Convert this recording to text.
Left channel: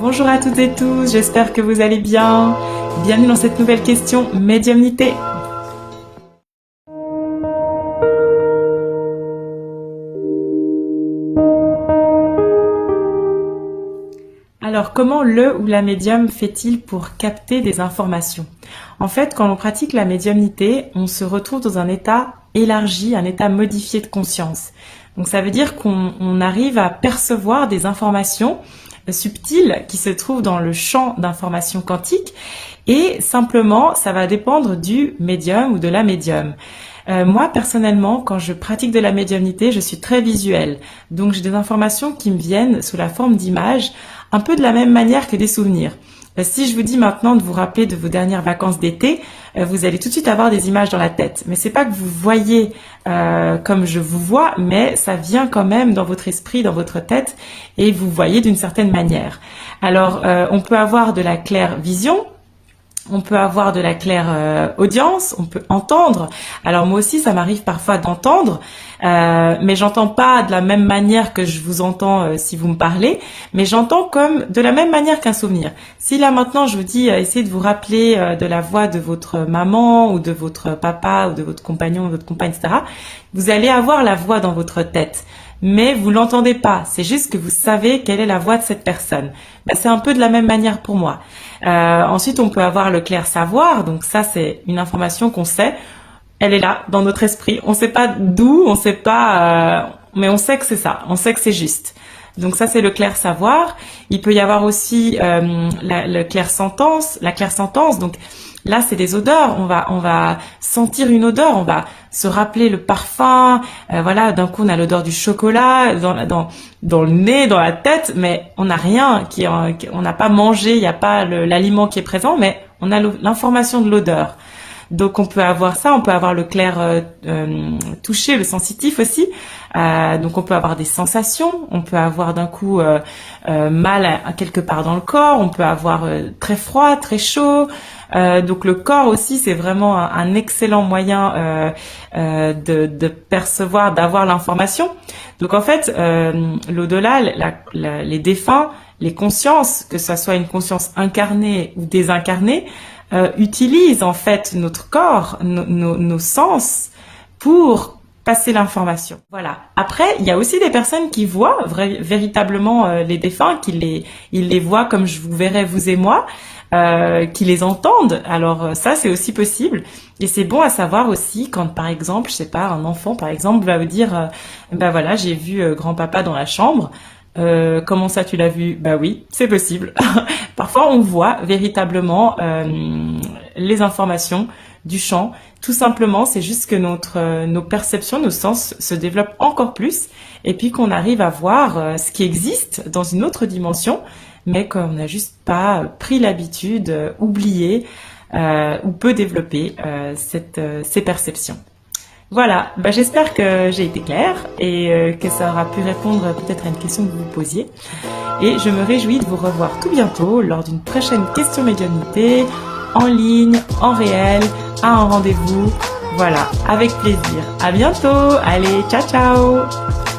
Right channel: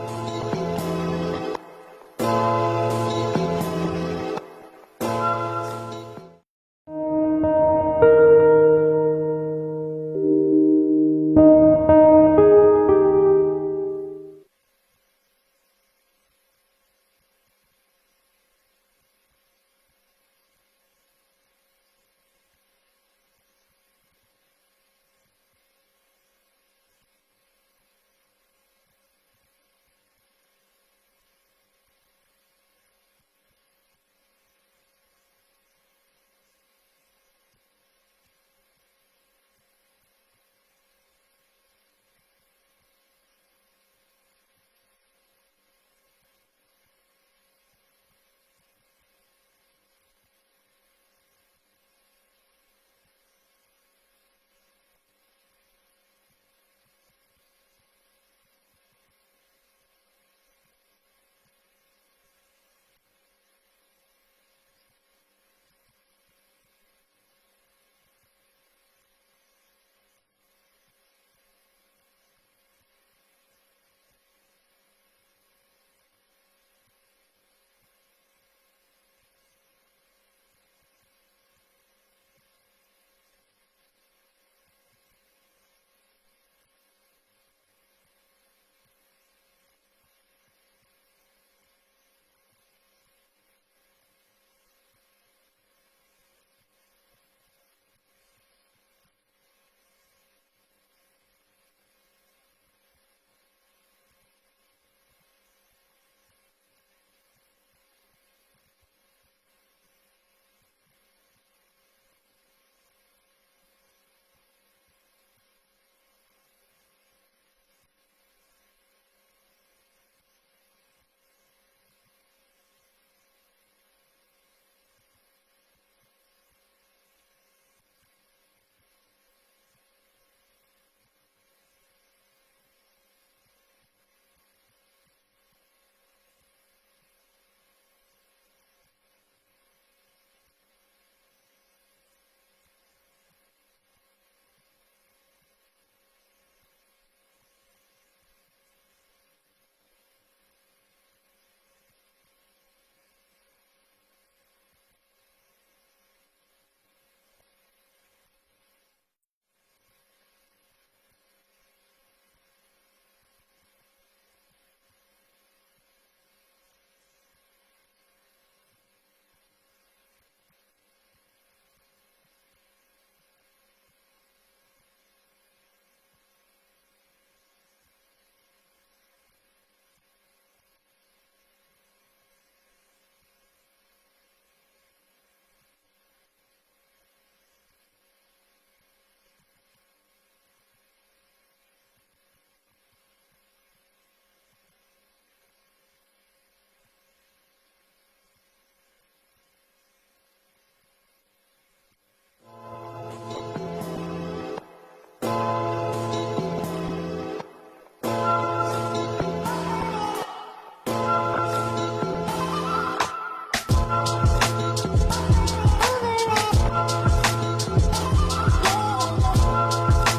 Bonjour à toutes et tous, j'espère que vous allez bien. Bienvenue dans cette nouvelle question médiumnité. Alors, comment le ou la médium fait-il pour capter des informations? En fait, quand on pratique la médiumnité, on se retrouve dans un état élargi, un état modifié de conscience. Donc ça veut dire qu'on arrive à percevoir des informations subtiles qui se trouvent dans le champ d'information quantique et simplement ça va dépendre du médium ou de la médium. Moi personnellement, quand je pratique de la médiumnité, je suis très visuelle. Donc j'ai des informations qui me viennent sous la forme d'images, un peu de la même manière que des souvenirs. Si je vous dis maintenant de vous rappeler de vos dernières vacances d'été, vous allez tout de suite avoir des images dans la tête. Mais c'est pas que vous voyez comme je vous vois, mais ça vient quand même dans votre esprit, dans votre tête, et vous voyez d'une certaine manière. Alors, on peut avoir de la claire vision. On peut avoir de la claire audience, on peut entendre. Alors moi aussi, ça m'arrive parfois d'entendre, mais j'entends pas de la même manière que je vous entends si vous me parlez, mais j'entends comme de la même manière qu'un souvenir. Si là maintenant je vous dis, essayez de vous rappeler de la voix de votre maman ou de votre papa ou de votre compagnon ou de votre compagne, etc., vous allez avoir la voix dans votre tête. Mais vous l'entendez pas, c'est juste que vous savez quelle est la voix de cette personne. Ben, c'est un peu de la même manière pour moi. Ensuite, on peut avoir le clair savoir, donc ça c'est une information qu'on sait, elle est là dans notre esprit. On sait pas d'où, on sait pas, mais on sait que c'est ça, on sait que c'est juste. Donc ça c'est le clair savoir. Il peut y avoir aussi le clair sentence, la claire sentence. Donc là c'est des odeurs. On va sentir une odeur, on va se rappeler le parfum. Voilà, d'un coup on a l'odeur du chocolat dans le nez, dans la tête, mais on n'a rien, on n'a pas mangé, il n'y a pas l'aliment qui est présent, mais on a l'information de l'odeur. Donc on peut avoir ça, on peut avoir le clair touché, le sensitif aussi. Donc on peut avoir des sensations, on peut avoir d'un coup mal à quelque part dans le corps, on peut avoir très froid, très chaud. Donc le corps aussi c'est vraiment un excellent moyen de percevoir, d'avoir l'information. Donc en fait l'au-delà, les défunts, les consciences, que ce soit une conscience incarnée ou désincarnée, utilisent en fait notre corps, nos sens pour passer l'information. Voilà. Après, il y a aussi des personnes qui voient véritablement les défunts, ils les voient comme je vous verrais vous et moi, qui les entendent. Alors ça, c'est aussi possible. Et c'est bon à savoir aussi quand, par exemple, je sais pas, un enfant, par exemple, va vous dire, ben voilà, j'ai vu grand-papa dans la chambre. Comment ça tu l'as vu? Bah oui, c'est possible. Parfois on voit véritablement les informations du champ. Tout simplement, c'est juste que nos perceptions, nos sens se développent encore plus et puis qu'on arrive à voir ce qui existe dans une autre dimension, mais qu'on n'a juste pas pris l'habitude, oublié ou peu développé ces perceptions. Voilà, bah j'espère que j'ai été claire et que ça aura pu répondre peut-être à une question que vous vous posiez. Et je me réjouis de vous revoir tout bientôt lors d'une prochaine question médiumnité, en ligne, en réel, à un rendez-vous. Voilà, avec plaisir. À bientôt. Allez, ciao ciao.